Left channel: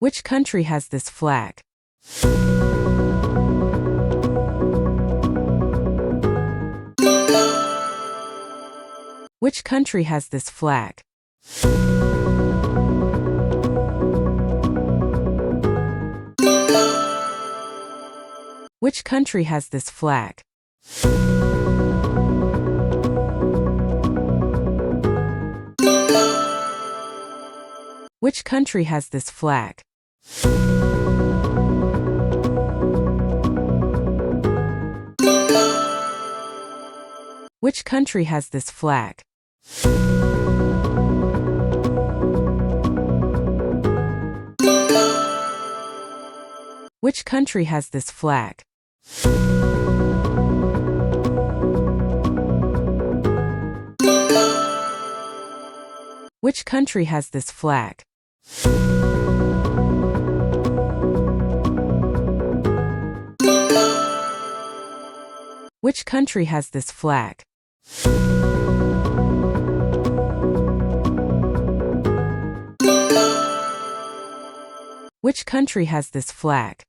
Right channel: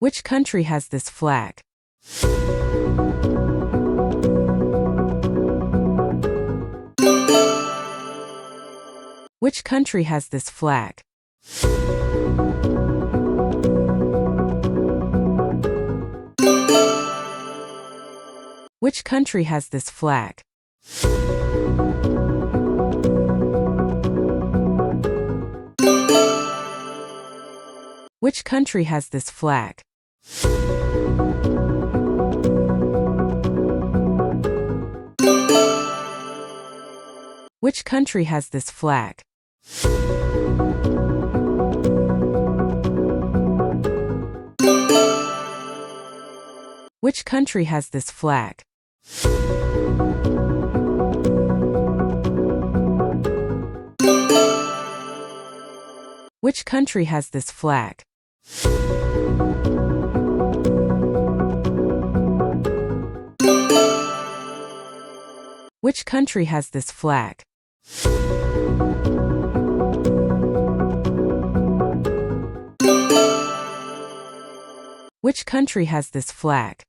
Which country has this flag? Which country has this flag? Which country has this flag? Which country has this flag? Which country has this flag? Which country has this flag? Which country has this flag? Which country has this flag? Which country has this flag?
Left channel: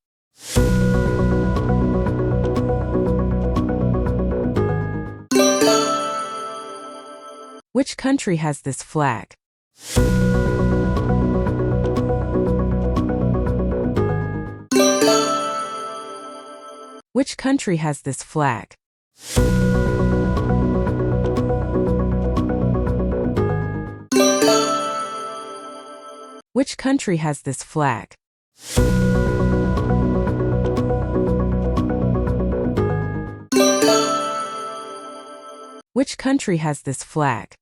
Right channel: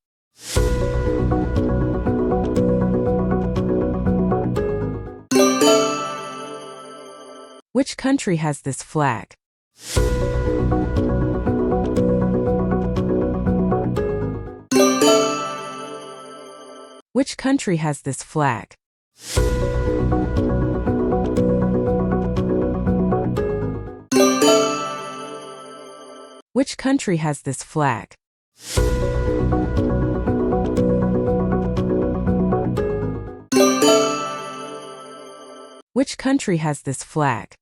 Which country has this flag? Which country has this flag? Which country has this flag? Which country has this flag?